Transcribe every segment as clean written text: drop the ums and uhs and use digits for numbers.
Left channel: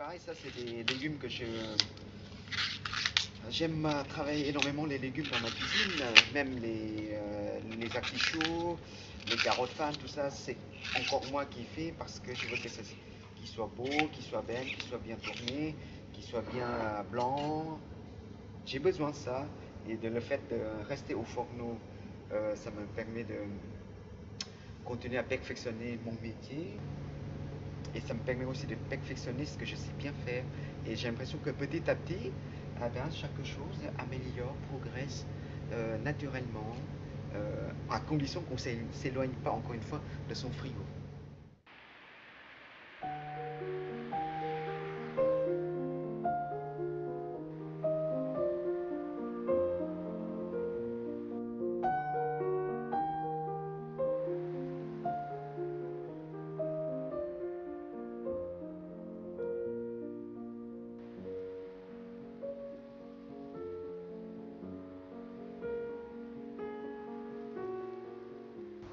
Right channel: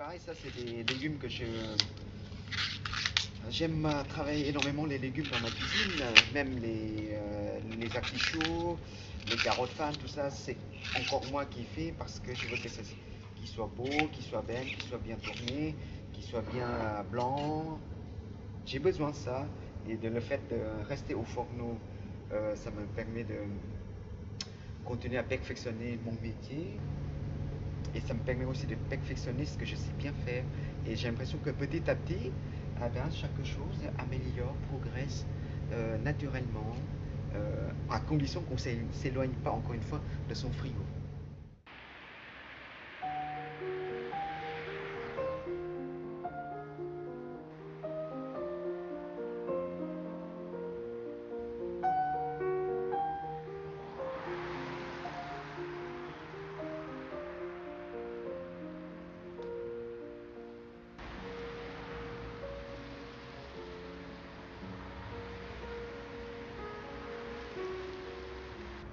pareil, ça c'est des légumes que j'aime travailler énormément les légumes dans ma cuisine, même les artichauts, les carottes fan, tout ça, c'est encore moi qui fais parce que je veux que ça qu'il soit beau, qu'il soit belle, qu'il soit bien tourné, qu'il soit bien blanc. J'ai besoin de ça et de le fait de rester au fourneau, ça me permet de continuer à perfectionner mon métier. Et ça me permet aussi de perfectionner ce que je sais bien faire. Et j'ai l'impression que petit à petit, eh bien, chaque chose améliore, progresse naturellement, à condition qu'on ne s'éloigne pas, encore une fois, de son frigo.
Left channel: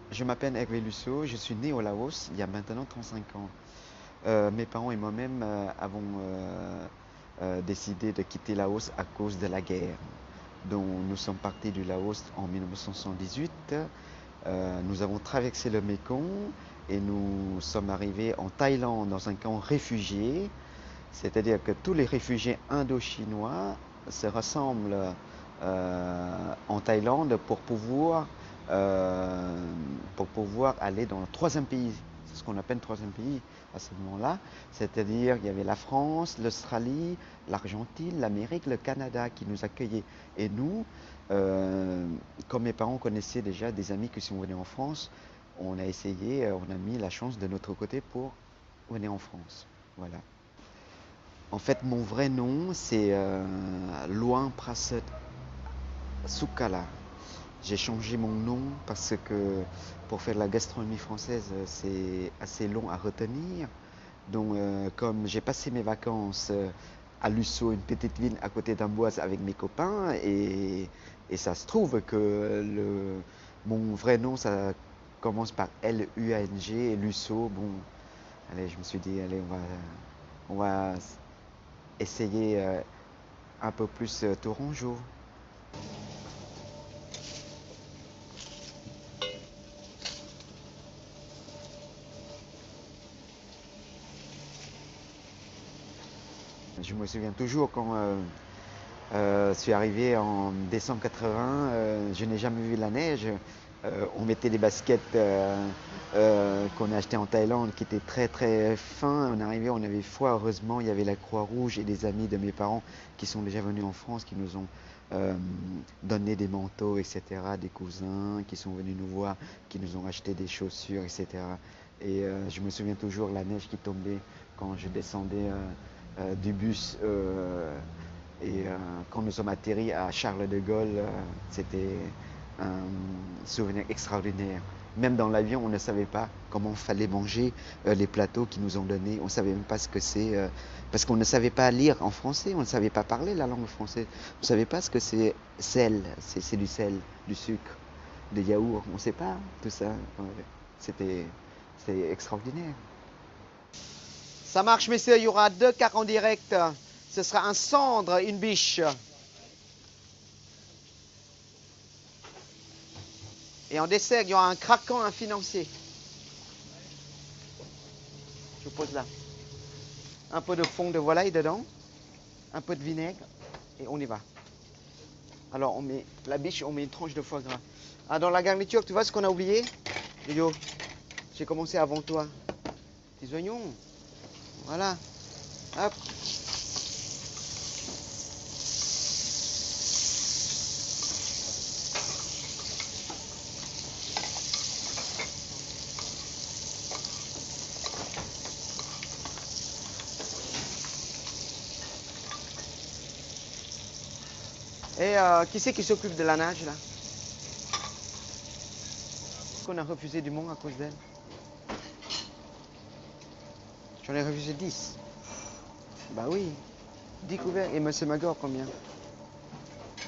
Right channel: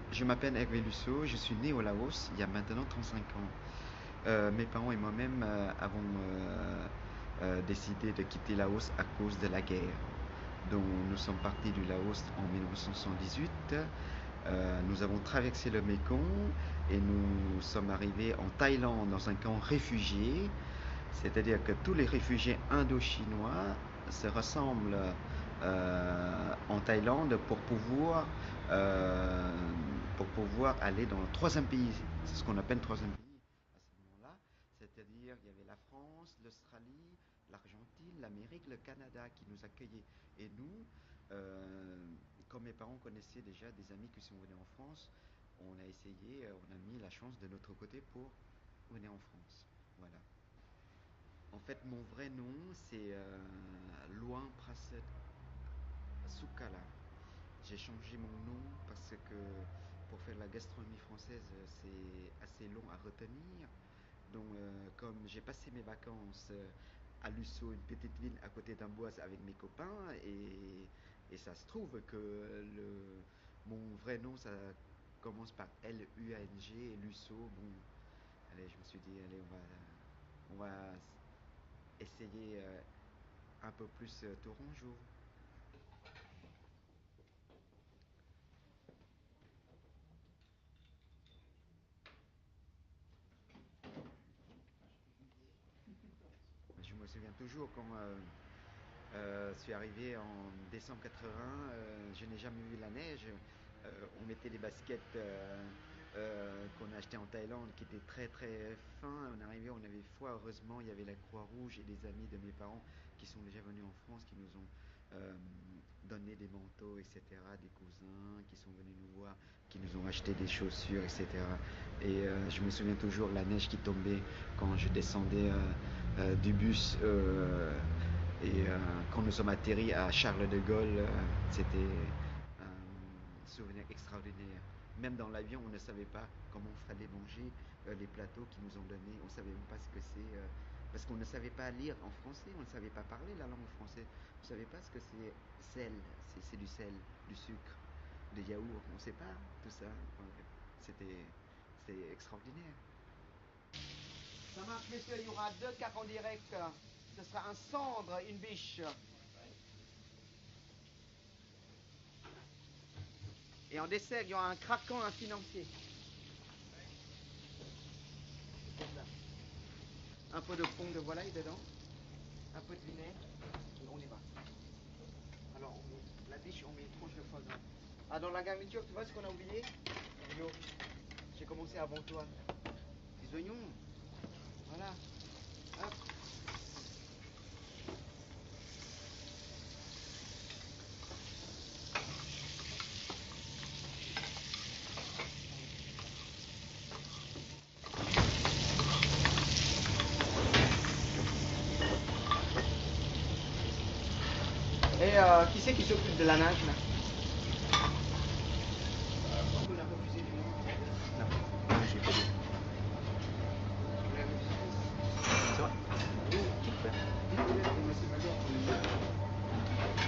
Je m'appelle Hervé Lusso, je suis né au Laos il y a maintenant 35 ans. Mes parents et moi-même avons décidé de quitter Laos à cause de la guerre. Donc nous sommes partis du Laos en 1978. Nous avons traversé le Mékong et nous sommes arrivés en Thaïlande dans un camp réfugié. C'est-à-dire que tous les réfugiés indo-chinois se rassemblent en Thaïlande pour pouvoir aller dans le troisième pays. C'est ce qu'on appelle le troisième pays à ce moment-là. C'est-à-dire qu'il y avait la France, l'Australie, l'Argentine, l'Amérique, le Canada qui nous accueillaient. Et nous, comme mes parents connaissaient déjà des amis qui sont venus en France, on a essayé, on a mis la chance de notre côté pour venir en France. Voilà. En fait, mon vrai nom, c'est Luang Prasad Sukala. J'ai changé mon nom parce que pour faire de la gastronomie française, c'est assez long à retenir. Donc, comme j'ai passé mes vacances à Lusso, une petite ville à côté d'Amboise avec mes copains, et ça se trouve que mon vrai nom, ça commence par L-U-A-N-G, et Lusso, bon, allez, je me suis dit, allez, on va essayer un peu plus tourangeau. Je me souviens toujours quand je suis arrivé en décembre 80, je n'ai jamais vu la neige. On mettait des baskets qu'on a achetées en Thaïlande qui étaient très très fins. On arrivait, on avait froid. Heureusement, il y avait la Croix-Rouge et des amis de mes parents qui sont déjà venus en France, qui nous ont donné des manteaux, etc. Des cousins qui sont venus nous voir, qui nous ont acheté des chaussures, etc. Et je me souviens toujours la neige qui tombait quand je descendais du bus et quand nous sommes atterris à Charles de Gaulle, c'était un souvenir extraordinaire. Même dans l'avion, on ne savait pas comment il fallait manger les plateaux qu'ils nous ont donnés. On ne savait même pas ce que c'est, parce qu'on ne savait pas lire en français, on ne savait pas parler la langue française. On ne savait pas ce que c'est sel, c'est du sel, du sucre, des yaourts. On ne sait pas tout ça. C'était extraordinaire. Ça marche, messieurs, il y aura 2 quarts en direct. Ce sera un cendre, une biche. Et en dessert, il y aura un craquant, un financier. Je vous pose là. Un peu de fond de volaille dedans, un peu de vinaigre, et on y va. Alors, on met la biche, on met une tranche de foie gras. Ah, dans la garniture, tu vois ce qu'on a oublié? Yo, j'ai commencé avant toi. Des oignons. Voilà. Hop. Et qui c'est qui s'occupe de la nage là? On a refusé du monde à cause d'elle? Non. J'en ai refusé 10. C'est vrai? Bah oui. 10 couverts. Et monsieur Magor, combien?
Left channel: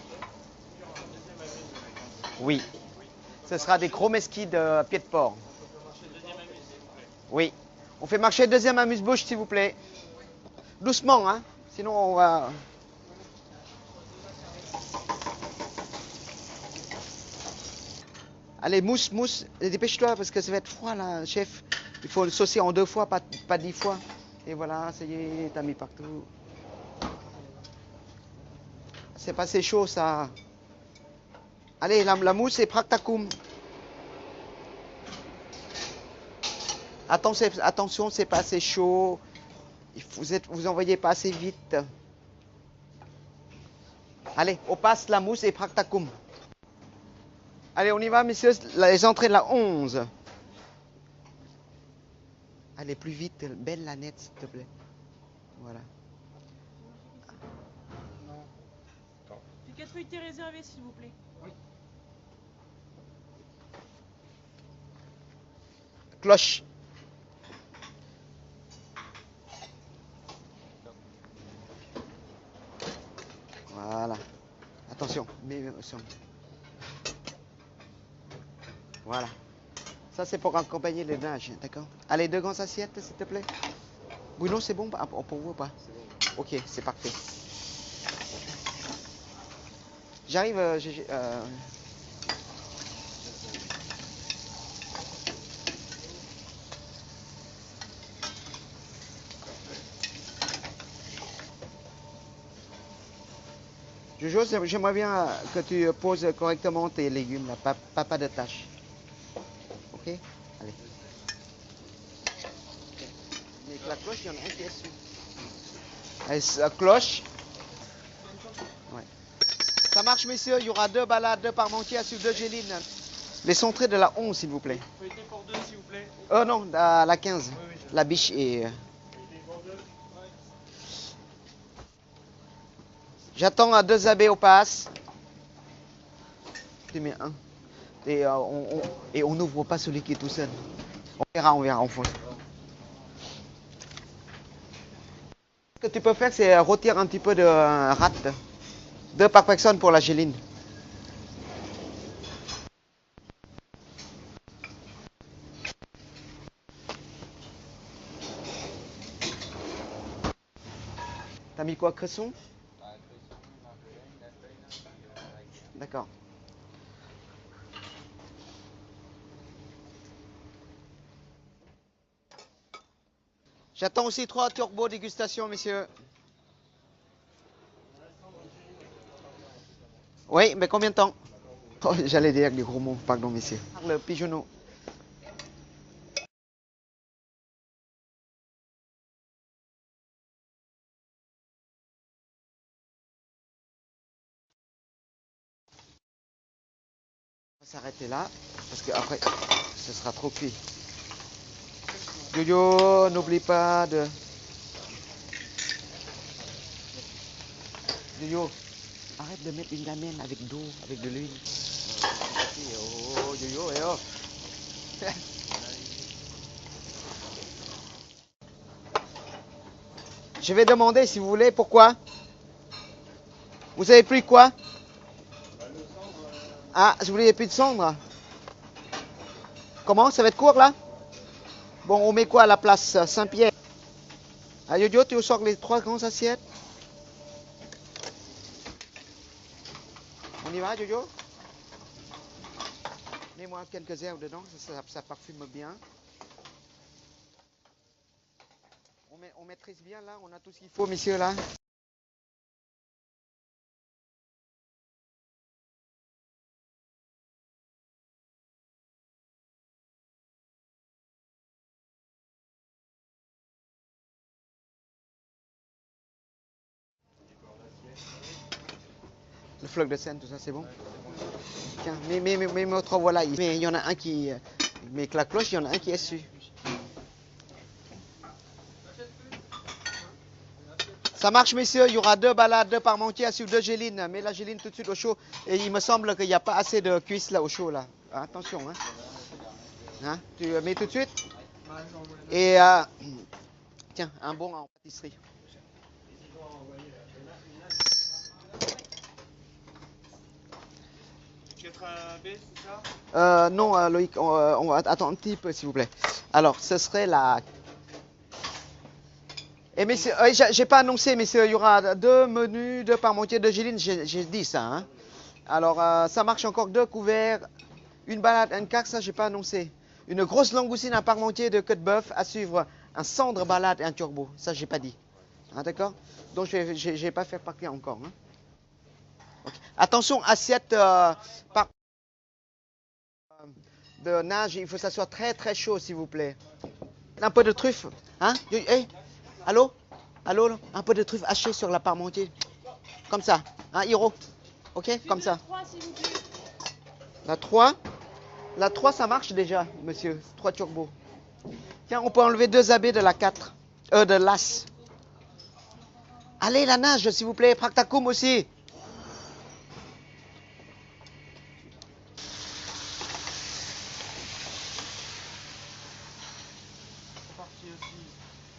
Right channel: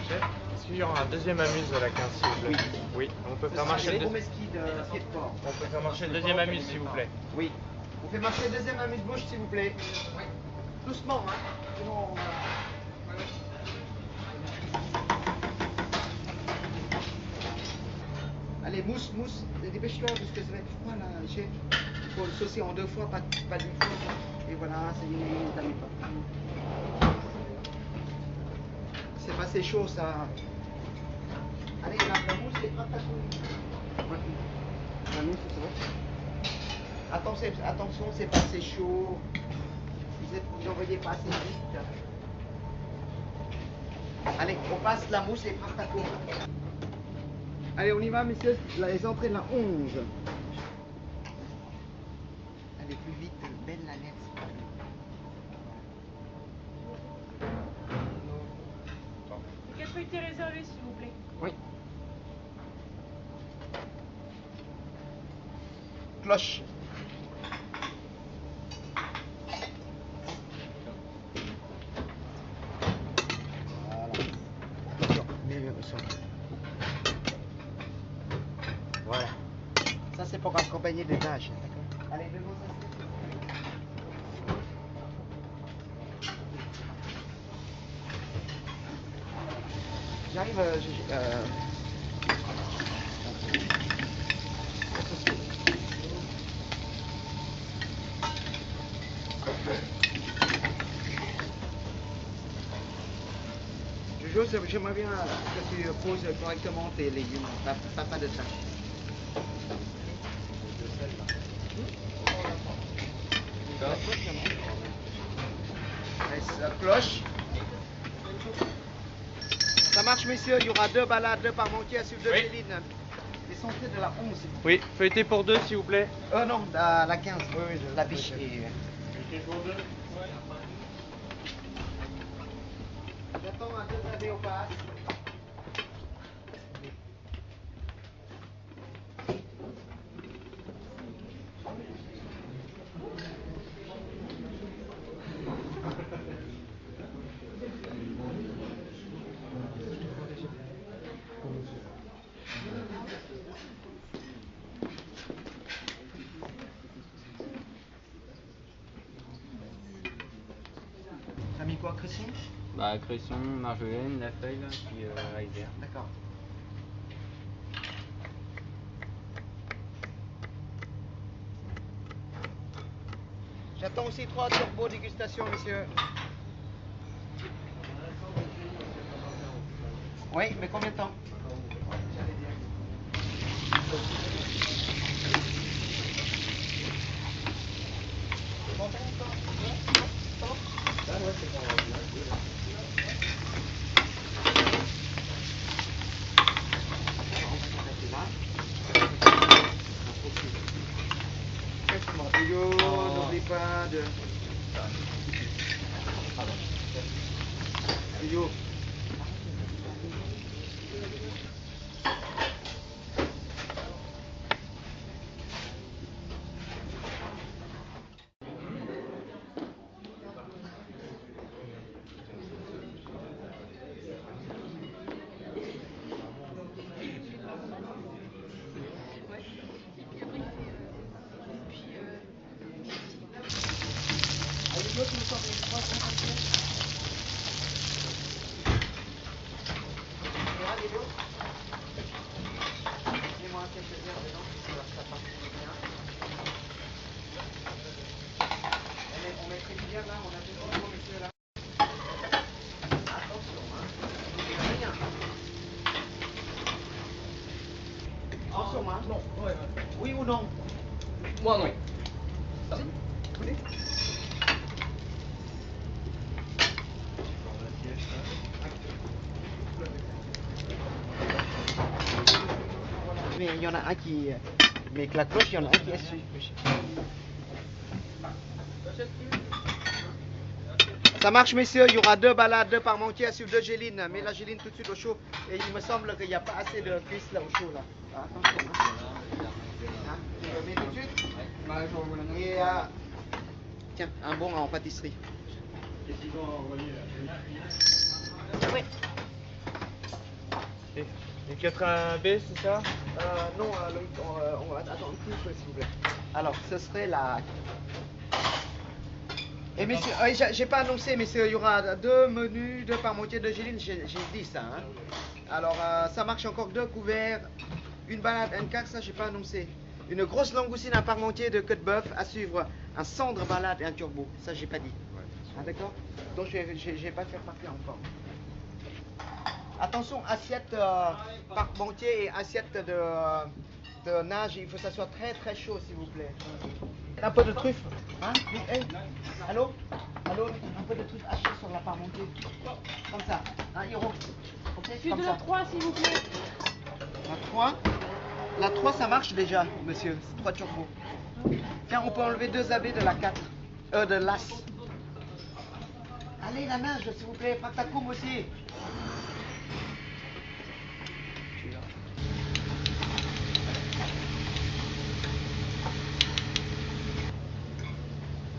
Chef, est-ce qu'il y aura un deuxième amuse à la 15 s'il vous plaît? Oui. Oui. On peut Ce faire sera marcher des le- gros mesquis de pied de porc. On peut faire marcher le deuxième amuse s'il vous plaît. Oui. On fait marcher le deuxième amuse-bouche, s'il vous plaît. Doucement, hein. Sinon, on va... Allez, mousse, mousse. Dépêche-toi parce que ça va être froid, là, chef. Il faut le saucer en 2 fois, pas 10 fois. Et voilà, ça y est, t'as mis partout. C'est pas assez chaud, ça. Allez, la mousse est practacum. Attention, c'est pas assez chaud. Vous envoyez pas assez vite. Allez, on passe la mousse et practacum. Allez, on y va, messieurs. Les entrées de la 11. Allez, plus vite. Belle la nette, s'il te plaît. Voilà. Les 4 feuilletés réservés, s'il vous plaît. Oui. Cloche. Voilà. Attention. Voilà. Ça, c'est pour accompagner les tâches, d'accord? Allez, 2 grandes assiettes, s'il te plaît. Oui, non, c'est bon pour vous ou pas? Ok, c'est parfait. J'arrive. Jojo, j'aimerais bien que tu poses correctement tes légumes, pas de tâches. Ok? Allez, la cloche. Ouais. Ça marche, messieurs. Il y aura 2 balades, 2 parmentiers sur 2 gélines. Les entrées de la 11, s'il vous plaît. Oui, feuilleté pour 2, s'il vous plaît. Non, la 15. Oui, la biche est... J'attends à 2 abbés au pass. Je te mets un. Et on n'ouvre pas celui qui est tout seul. On verra en fond. Ce que tu peux faire, c'est rôtir un petit peu de rate. 2 par personne pour la géline. T'as mis quoi, cresson? Bah, cresson, marjolaine, la feuille, là, puis iceberg. D'accord. J'attends aussi 3 turbo dégustation, messieurs. Oui, mais combien de temps? Oh, j'allais dire les gros mots, pardon, messieurs. Le petit genou. On va s'arrêter là, parce que après, ce sera trop cuit. Yo, n'oublie pas de... Yo, arrête de mettre une lamelle avec d'eau, avec de l'huile. Yo. Je vais demander si vous voulez pourquoi. Vous avez pris quoi? Ah, je voulais plus de cendre. Comment? Ça va être court là? Bon, on met quoi à la place? Saint-Pierre. Ah, Yo, tu nous sors les 3 grandes assiettes. On y va, Yo? Mets-moi quelques herbes dedans, ça parfume bien. On met très bien là, on a tout. Bon, messieurs là. Attention, hein. Rien. Attention, hein. Non, ouais. Oui ou non? Moi, non. Vous voulez? Le fleuve de Seine, tout ça c'est bon? Tiens, mais votre voilà. Mais il y en a un qui. Mais avec la cloche, il y en a un qui est dessus. Ça marche, messieurs. Il y aura 2 balades, 2 parmentiers sur 2 gélines. Mets la géline tout de suite au chaud. Et il me semble qu'il n'y a pas assez de cuisse là au chaud là. Attention, hein. Tu mets tout de suite. Et tiens, un bon en pâtisserie. Oui. Les 4 AB, c'est ça? Non, Loïc, on va attendre un petit peu, s'il vous plaît. Alors, ce serait la Et messieurs, j'ai pas annoncé, messieurs, il y aura 2 menus, 2 parmentiers, 2 gélines, j'ai dit ça. Hein. Alors, ça marche encore 2 couverts, une balade, un cac, ça j'ai pas annoncé. Une grosse langoustine, un parmentier de queue de bœuf à suivre, un cendre balade et un turbo. Ça j'ai pas dit. Ah, d'accord. Donc j'ai pas fait partir encore. Hein. Attention, assiette parmentier et assiette de nage, il faut que ça soit très très chaud s'il vous plaît. Un peu de truffe, hein? Hey, allô? Allô? Un peu de truffe hachée sur la parmentier. Comme ça, hein, Hiro? Ok? Comme ça. La 3, s'il vous plaît. La 3? La 3, ça marche déjà, monsieur. 3 turbo. Tiens, on peut enlever 2 AB de la 4. De l'as. Allez, la nage, s'il vous plaît. Practacum aussi.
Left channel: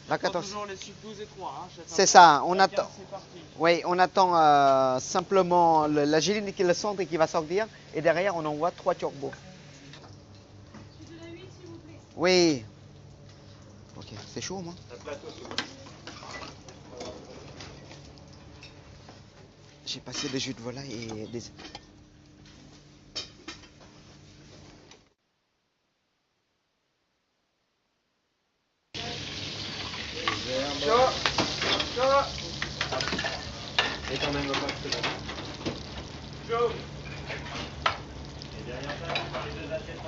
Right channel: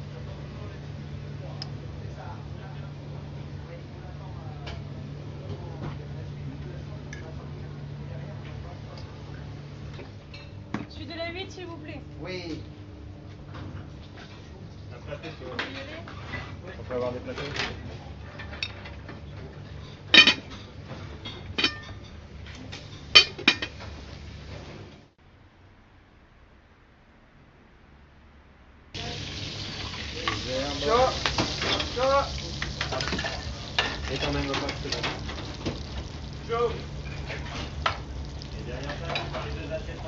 La 14. C'est ça, on attend. Oui, on attend simplement la géline qui le centre et qui va sortir. Et derrière, on envoie 3 turbos. Celui de la 8, s'il vous plaît. Oui. C'est chaud, moi. On peut avoir des plateaux. J'ai passé des jus de volaille et des... Chaud. Chaud. Et quand même pas que c'est bon. Chaud. Et derrière ça, on parle des 2 assiettes.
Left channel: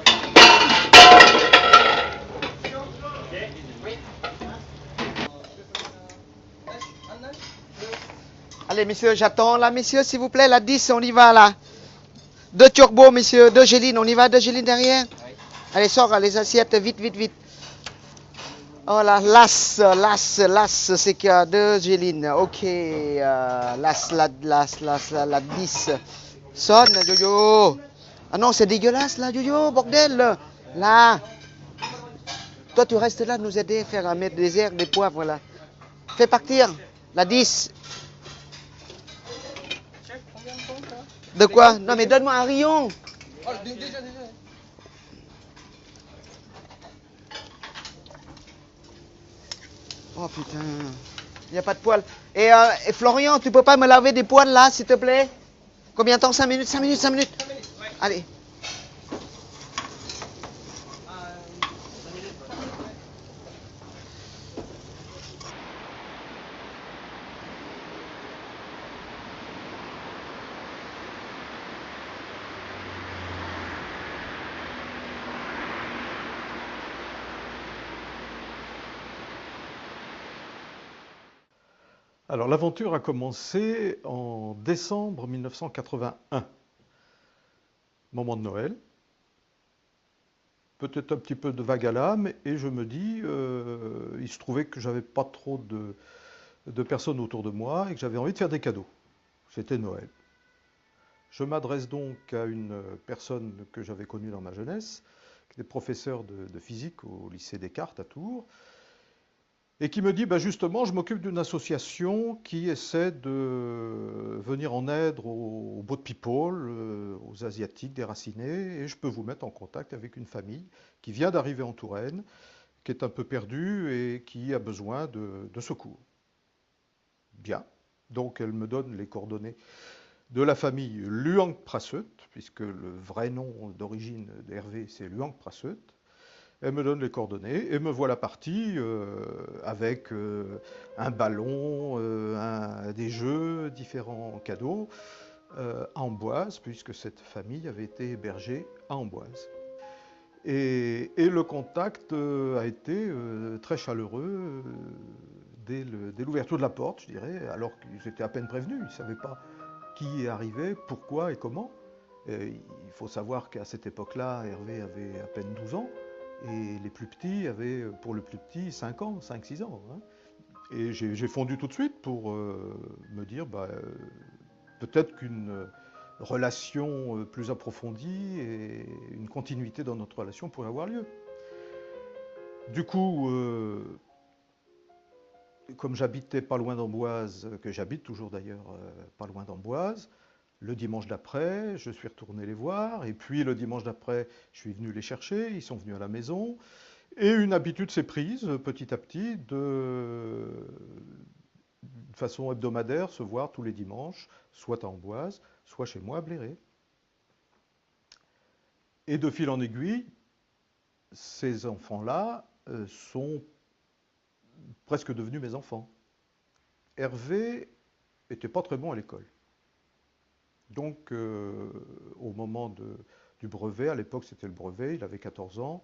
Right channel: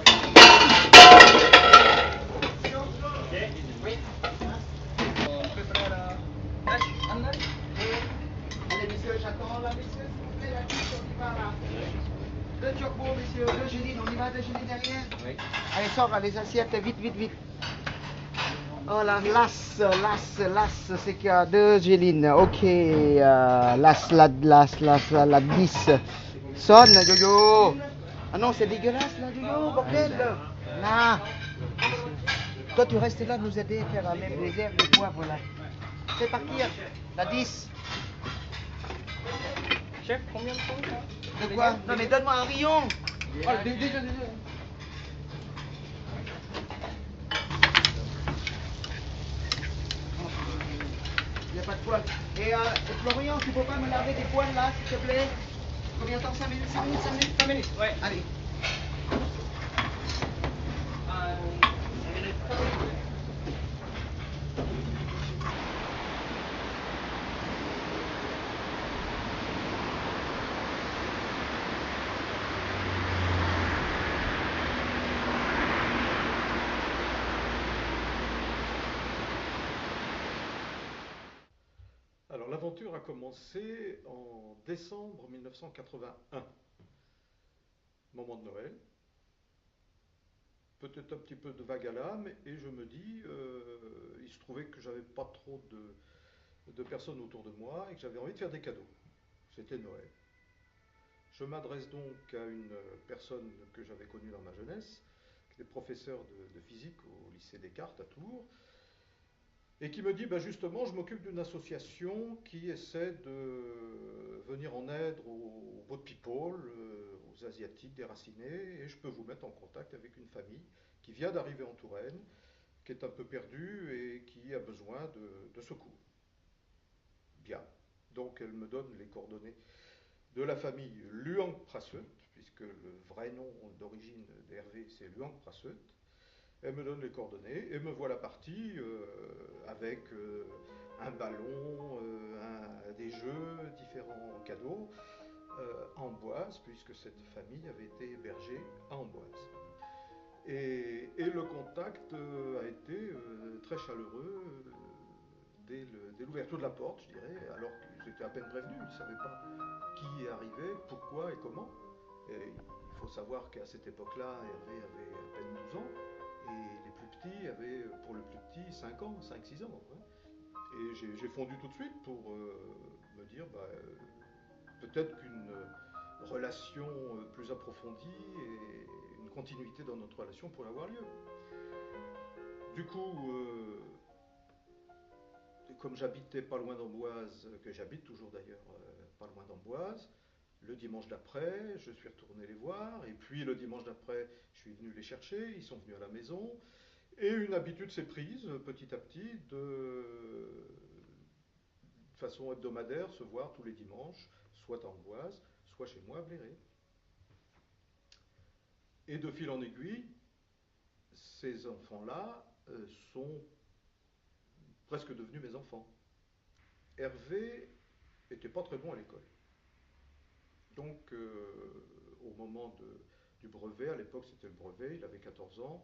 Ok. Oui. Allez, messieurs, j'attends. Là, messieurs, s'il vous plaît, la 10, on y va, là. 2 turbos, messieurs, 2 gélines. On y va, 2 gélines derrière. Oui. Allez, sors les assiettes, vite, vite, vite. Oh là, las, c'est qu'il y a 2 gélines. Ok, la 10. Sonne, Jojo. Ah non, c'est dégueulasse, là, Jojo, bordel. Là. Toi, tu restes là, nous aider à mettre des herbes, des poivres, là. Fais partir, la 10. Chef, combien de temps là? De quoi? Non, mais donne-moi un rayon. Oh, déjà. Oh putain, il n'y a pas de poils. Et Florian, tu peux pas me laver des poils là, s'il te plaît? Combien de temps? 5 minutes, 5 minutes, 5 minutes. 5 minutes, ouais. Allez. Alors l'aventure a commencé en décembre 1981, moment de Noël, peut-être un petit peu de vague à l'âme, et je me dis, il se trouvait que j'avais pas trop de personnes autour de moi et que j'avais envie de faire des cadeaux. C'était Noël. Je m'adresse donc à une personne que j'avais connue dans ma jeunesse, qui était professeur de physique au lycée Descartes à Tours, et qui me dit, bah justement, je m'occupe d'une association qui essaie de venir en aide aux boat people, aux Asiatiques déracinés, et je peux vous mettre en contact avec une famille qui vient d'arriver en Touraine, qui est un peu perdue et qui a besoin de secours. Bien. Donc elle me donne les coordonnées de la famille Luang Prasut, puisque le vrai nom d'origine d'Hervé, c'est Luang Prasut. Elle me donne les coordonnées et me voilà parti avec un ballon, des jeux, différents cadeaux à Amboise, puisque cette famille avait été hébergée à Amboise. Et le contact a été très chaleureux dès l'ouverture de la porte, je dirais, alors qu'ils étaient à peine prévenus, ils ne savaient pas qui est arrivé, pourquoi et comment. Et il faut savoir qu'à cette époque-là, Hervé avait à peine 12 ans. Et les plus petits avaient, pour le plus petit, 5 ans, 5-6 ans. Hein. Et j'ai fondu tout de suite pour me dire, bah, peut-être qu'une relation plus approfondie et une continuité dans notre relation pourrait avoir lieu. Du coup, comme j'habitais pas loin d'Amboise, que j'habite toujours d'ailleurs pas loin d'Amboise, le dimanche d'après, je suis retourné les voir, et puis le dimanche d'après, je suis venu les chercher, ils sont venus à la maison, Et une habitude s'est prise petit à petit de façon hebdomadaire, se voir tous les dimanches, soit à Amboise, soit chez moi à Bléré. Et de fil en aiguille, ces enfants-là sont presque devenus mes enfants. Hervé n'était pas très bon à l'école. Donc, au moment du brevet, à l'époque c'était le brevet, il avait 14 ans,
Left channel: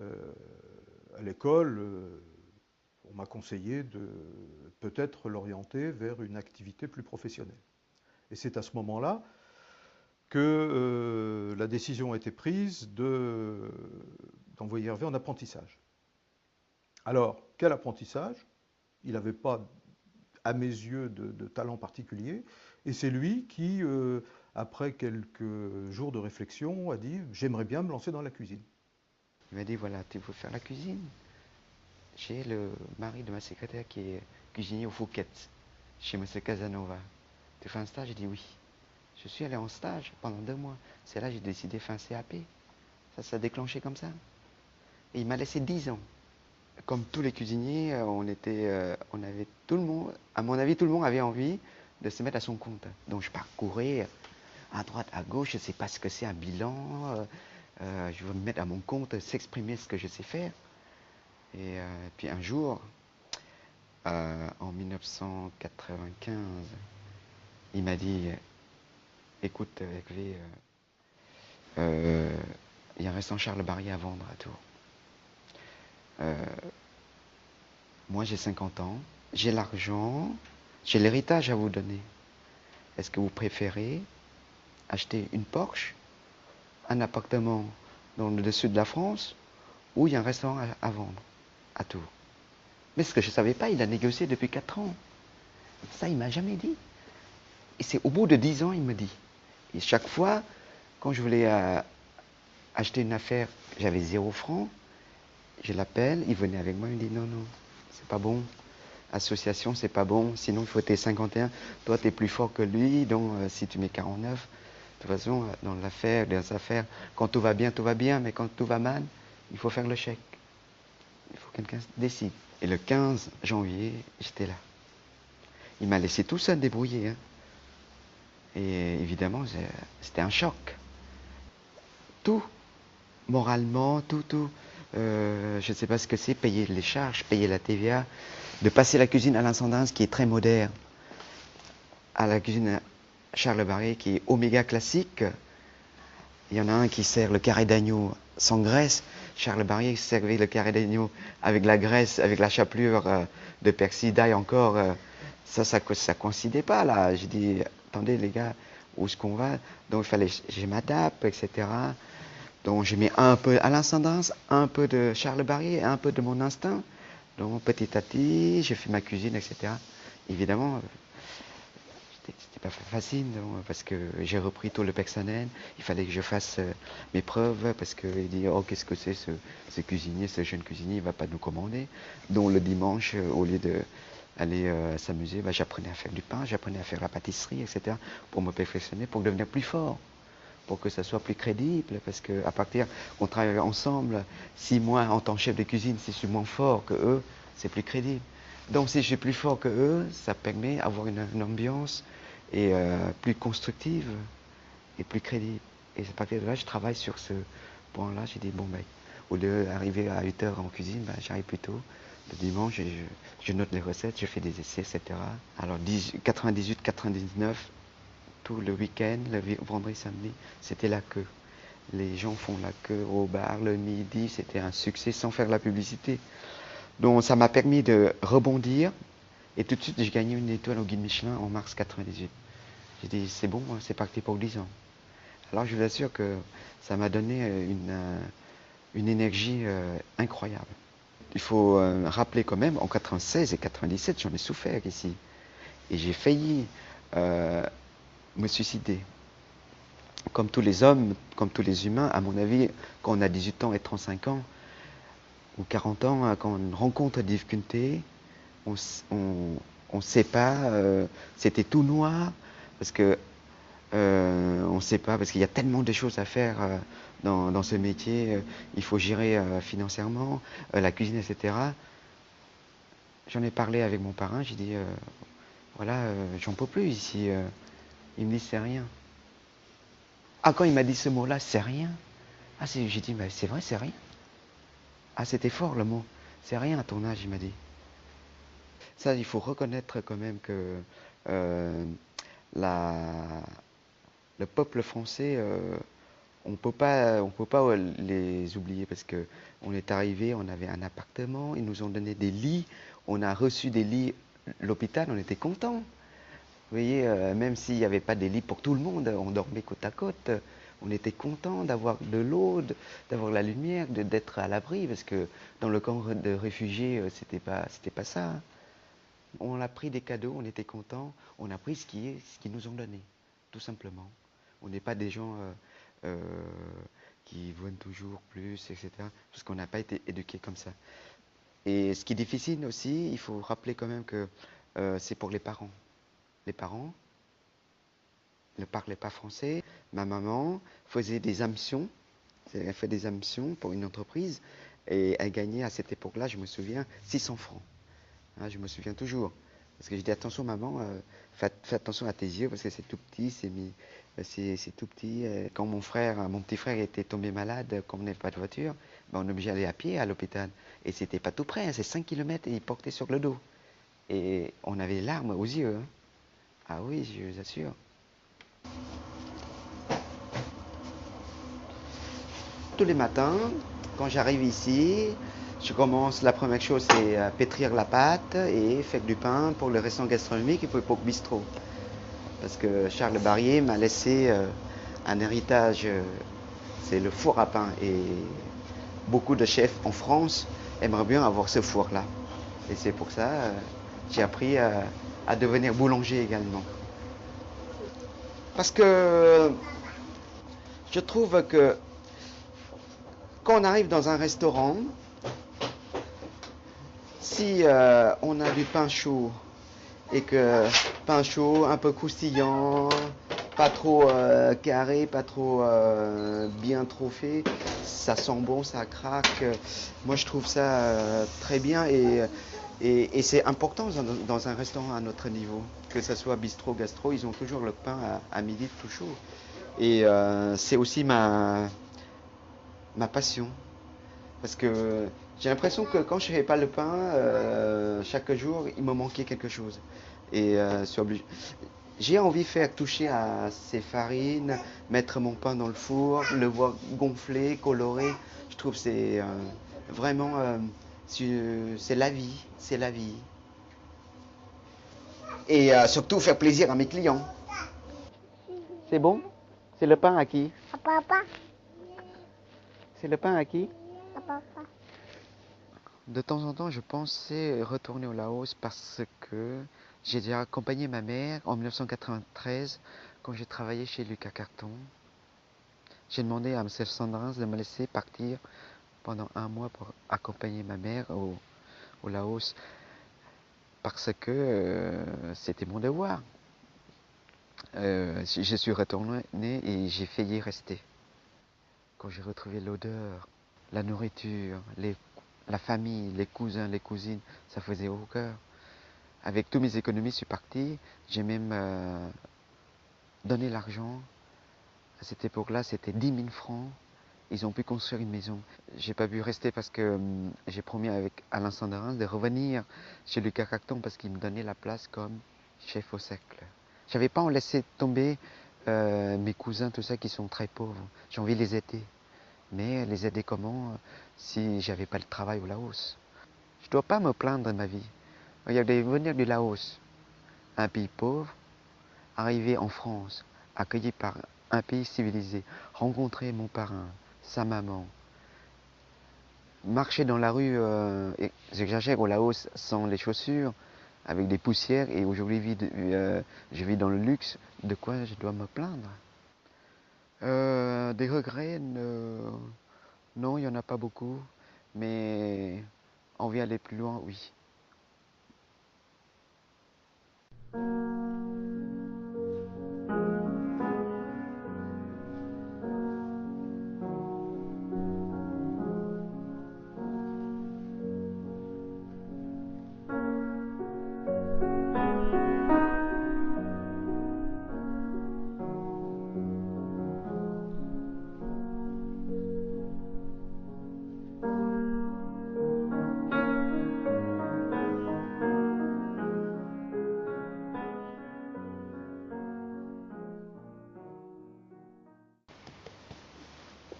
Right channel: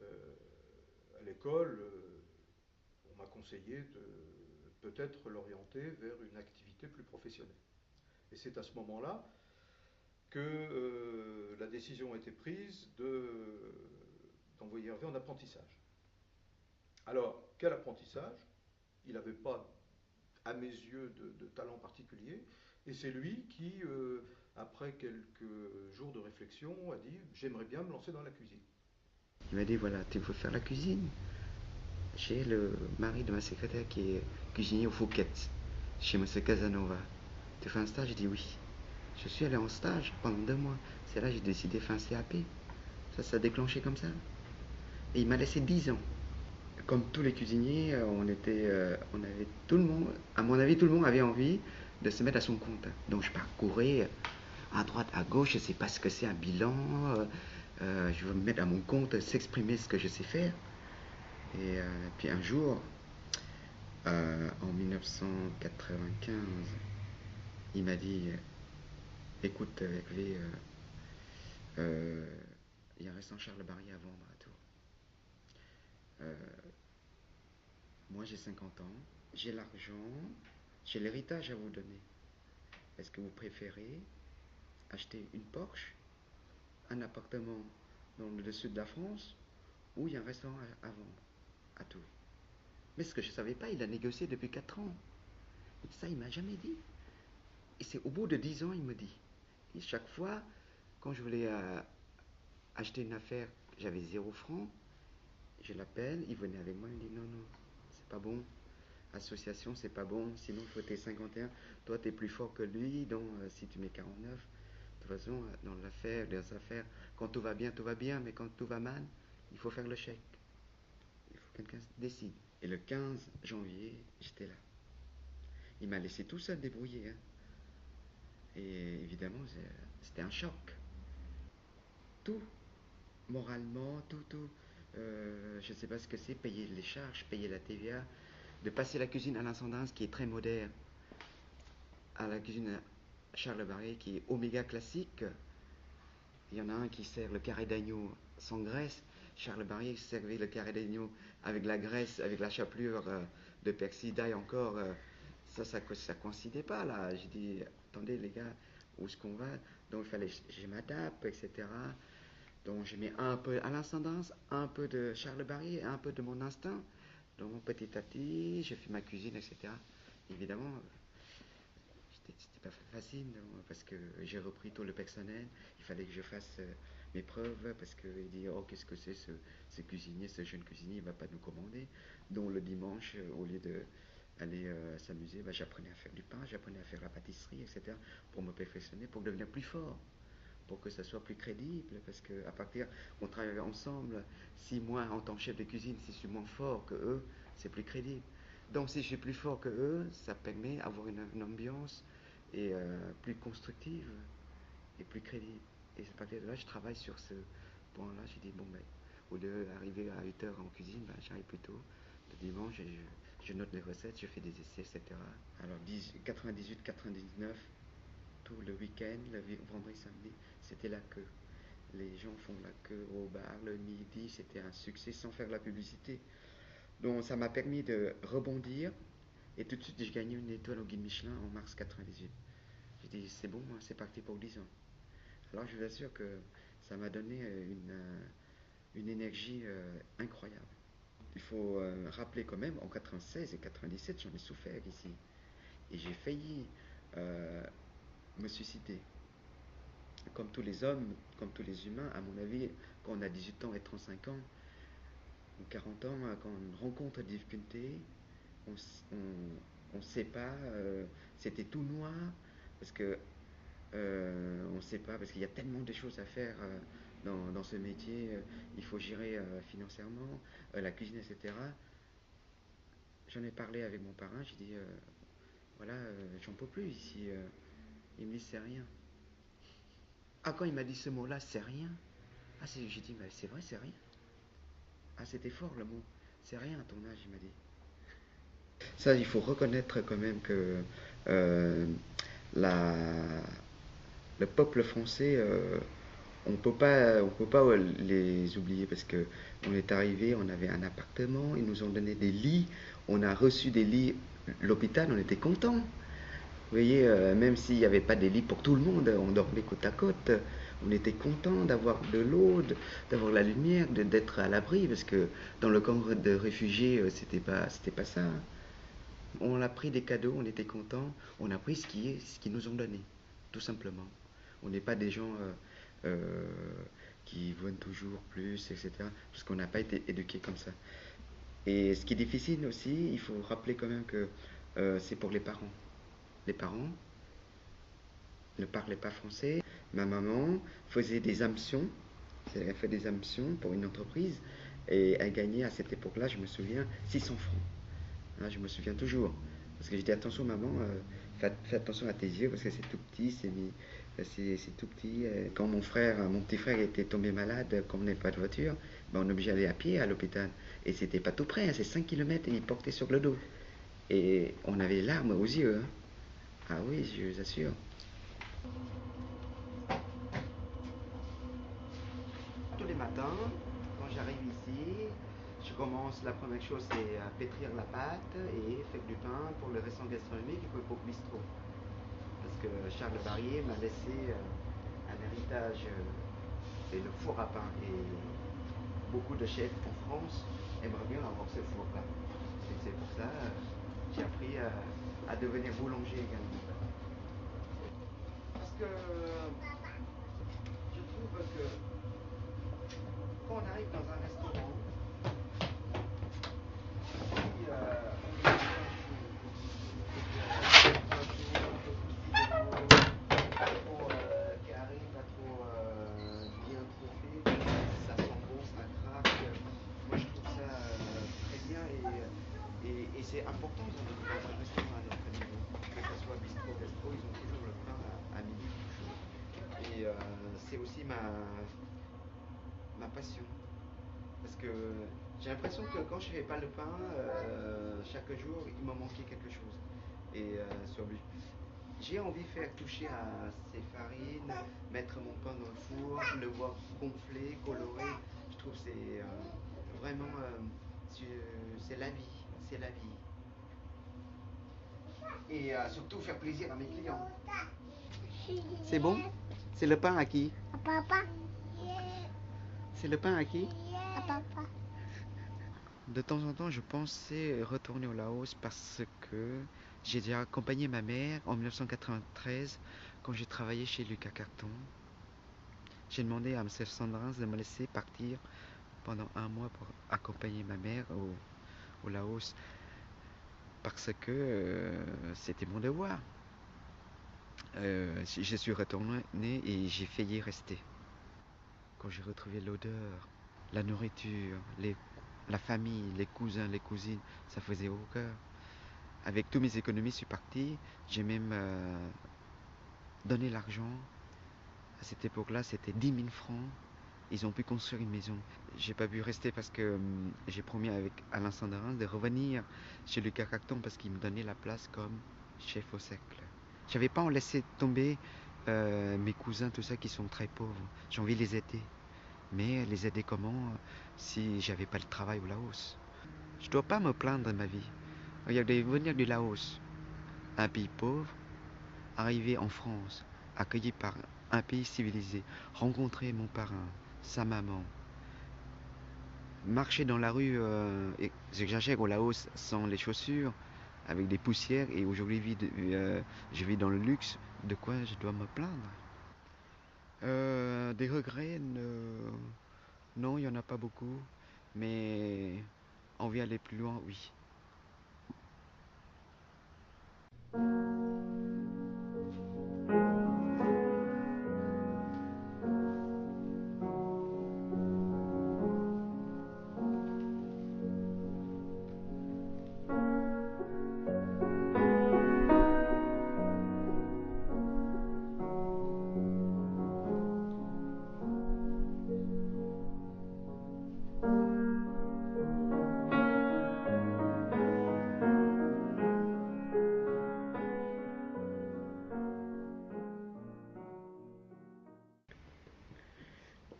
à l'école, on m'a conseillé de peut-être l'orienter vers une activité plus professionnelle. Et c'est à ce moment-là que la décision a été prise d'envoyer Hervé en apprentissage. Alors, quel apprentissage? Il n'avait pas, à mes yeux, de talent particulier. Et c'est lui qui, après quelques jours de réflexion, a dit « j'aimerais bien me lancer dans la cuisine ». Il m'a dit, voilà, tu veux faire la cuisine? J'ai le mari de ma secrétaire qui est cuisinier au Fouquet, chez M. Casanova. Tu fais un stage? J'ai dit oui. Je suis allé en stage pendant 2 mois. C'est là que j'ai décidé de faire un CAP. Ça s'est déclenché comme ça. Et il m'a laissé 10 ans. Comme tous les cuisiniers, on avait tout le monde, à mon avis, tout le monde avait envie de se mettre à son compte. Donc je parcourais à droite, à gauche, je ne sais pas ce que c'est un bilan, je veux me mettre à mon compte, s'exprimer ce que je sais faire. Et puis un jour, en 1995, il m'a dit, écoute, Hervé, il y a un restaurant Charles Barrier à vendre à Tours. Moi, j'ai 50 ans, j'ai l'argent, j'ai l'héritage à vous donner. Est-ce que vous préférez acheter une Porsche, un appartement dans le sud de la France, ou il y a un restaurant à vendre à Tours? Mais ce que je ne savais pas, il a négocié depuis 4 ans. Ça, il ne m'a jamais dit. Et c'est au bout de 10 ans, il me dit. Et chaque fois, quand je voulais acheter une affaire, j'avais 0 francs, je l'appelle, il venait avec moi, il me dit non, non, c'est pas bon. Association, c'est pas bon, sinon il faut tes 51. Toi, tu es plus fort que lui, donc si tu mets 49, de toute façon, dans les affaires, quand tout va bien, mais quand tout va mal, il faut faire le chèque. Il faut que quelqu'un décide. Et le 15 janvier, j'étais là. Il m'a laissé tout seul débrouiller. Hein. Et évidemment, c'était un choc. Tout, moralement, tout. Je ne sais pas ce que c'est, payer les charges, payer la TVA, de passer la cuisine à l'incendance qui est très moderne, à la cuisine Charles Barrier qui est oméga classique. Il y en a un qui sert le carré d'agneau sans graisse. Charles Barrier servait le carré d'agneau avec la graisse, avec la chapelure de persil d'ail encore. Ça coïncidait pas là. J'ai dit, attendez les gars, où est-ce qu'on va? Donc il fallait, je m'adapte, etc. Donc je mets un peu à l'incendance, un peu de Charles Barrier, un peu de mon instinct. Donc petit à petit, j'ai fait ma cuisine, etc. Évidemment, c'était pas facile, non, parce que j'ai repris tout le personnel. Il fallait que je fasse mes preuves, parce qu'il dit, oh, qu'est-ce que c'est ce cuisinier, ce jeune cuisinier, il ne va pas nous commander. Donc le dimanche, au lieu d'aller s'amuser, j'apprenais à faire du pain, j'apprenais à faire la pâtisserie, etc. pour me perfectionner, pour devenir plus fort, pour que ça soit plus crédible, parce qu'à partir, on travaille ensemble, si moi, en tant que chef de cuisine, si je suis moins fort que eux, c'est plus crédible. Donc si je suis plus fort que eux, ça permet d'avoir une ambiance et plus constructive et plus crédible. Et à partir de là, je travaille sur ce point-là. J'ai dit, bon, au lieu d'arriver à 8 heures en cuisine, j'arrive plus tôt. Le dimanche, je note les recettes, je fais des essais, etc. Alors 98, 99, tout le week-end, le vendredi, samedi, c'était la queue. Les gens font la queue au bar le midi, c'était un succès sans faire la publicité. Donc ça m'a permis de rebondir et tout de suite j'ai gagné une étoile au guide Michelin en mars 98. J'ai dit c'est bon, c'est parti pour 10 ans. Alors je vous assure que ça m'a donné une énergie incroyable. Il faut rappeler quand même, en 96 et 97, j'en ai souffert ici. Et j'ai failli me suicider. Comme tous les hommes, comme tous les humains, à mon avis, quand on a 18 ans et 35 ans, ou 40 ans, quand on rencontre des difficultés, on ne sait pas, c'était tout noir, parce que on ne sait pas, parce qu'il y a tellement de choses à faire dans ce métier, il faut gérer financièrement, la cuisine, etc. J'en ai parlé avec mon parrain, j'ai dit, voilà, j'en peux plus ici. Il me dit, c'est rien. Ah, quand il m'a dit ce mot-là, c'est rien. Ah, j'ai dit, bah, c'est vrai, c'est rien. Ah, c'était fort le mot. C'est rien à ton âge, il m'a dit. Ça, il faut reconnaître quand même que euh, la, le peuple français, on peut pas les oublier parce que on est arrivé, on avait un appartement, ils nous ont donné des lits, on a reçu des lits, l'hôpital, on était contents. Vous voyez, même s'il n'y avait pas des lits pour tout le monde, on dormait côte à côte. On était content d'avoir de l'eau, d'avoir la lumière, d'être à l'abri, parce que dans le camp de réfugiés, c'était pas ça. On a pris des cadeaux, on était content, on a pris ce qu'ils nous ont donné, tout simplement. On n'est pas des gens qui veulent toujours plus, etc. Parce qu'on n'a pas été éduqués comme ça. Et ce qui est difficile aussi, il faut rappeler quand même que c'est pour les parents. Les parents ne parlaient pas français. Ma maman faisait des hameçons, elle fait des hameçons pour une entreprise, et elle gagnait à cette époque-là, je me souviens, 600 francs. Hein, je me souviens toujours. Parce que j'ai dit, attention maman, fais attention à tes yeux, parce que c'est tout petit, c'est tout petit. Quand mon petit frère était tombé malade, comme on n'avait pas de voiture, ben on est obligé d'aller à pied à l'hôpital. Et c'était pas tout près, c'est 5 km et il portait sur le dos. Et on avait les larmes aux yeux. Hein. Ah oui, je vous assure. Tous les matins, quand j'arrive ici, je commence, la première chose c'est pétrir la pâte et faire du pain pour le restaurant gastronomique et pour le bistrot. Parce que Charles Barrier m'a laissé un héritage, c'est le four à pain. Et beaucoup de chefs en France aimeraient bien avoir ce four-là. Et c'est pour ça j'ai appris à devenir boulanger également. Parce que je trouve que quand on arrive dans un restaurant, si on a du pain chaud et que pain chaud, un peu croustillant, pas trop carré, pas trop bien trop fait, ça sent bon, ça craque. Moi je trouve ça très bien et c'est important dans un restaurant à notre niveau. Que ce soit bistrot, gastro, ils ont toujours le pain à midi tout chaud. Et c'est aussi ma passion. Parce que j'ai l'impression que quand je ne fais pas le pain, chaque jour, il me manquait quelque chose. Et j'ai envie de faire toucher à ces farines, mettre mon pain dans le four, le voir gonfler, colorer. Je trouve que c'est vraiment, c'est la vie, c'est la vie. Et surtout faire plaisir à mes clients. C'est bon? C'est le pain à qui? Papa. C'est le pain à qui? Papa. De temps en temps, je pensais retourner au Laos parce que j'ai déjà accompagné ma mère en 1993 quand j'ai travaillé chez Lucas Carton. J'ai demandé à M. Sandrins de me laisser partir pendant un mois pour accompagner ma mère au Laos parce que c'était mon devoir. Je suis retourné et j'ai failli rester. Quand j'ai retrouvé l'odeur, la nourriture, la famille, les cousins, les cousines, ça faisait au cœur. Avec toutes mes économies, je suis parti. J'ai même donné l'argent. À cette époque-là, c'était 10 000 francs. Ils ont pu construire une maison. J'ai pas pu rester parce que j'ai promis avec Alain Sanderins de revenir chez Lucas Cacton parce qu'il me donnait la place comme chef au cercle. J'avais pas en laissé tomber mes cousins, tout ça, qui sont très pauvres. J'ai envie de les aider. Mais les aider comment si j'avais pas le travail au Laos? Je dois pas me plaindre de ma vie. Regardez, venir du Laos, un pays pauvre, arriver en France, accueilli par un pays civilisé, rencontrer mon parrain, sa maman, marcher dans la rue, j'exagère, au Laos sans les chaussures, avec des poussières, et aujourd'hui je vis dans le luxe, de quoi je dois me plaindre? Des regrets, non, il n'y en a pas beaucoup, mais envie d'aller plus loin, oui.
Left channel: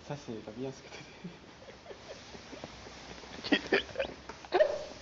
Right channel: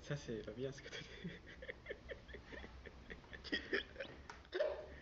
Ça, c'est pas bien ce que tu as dit.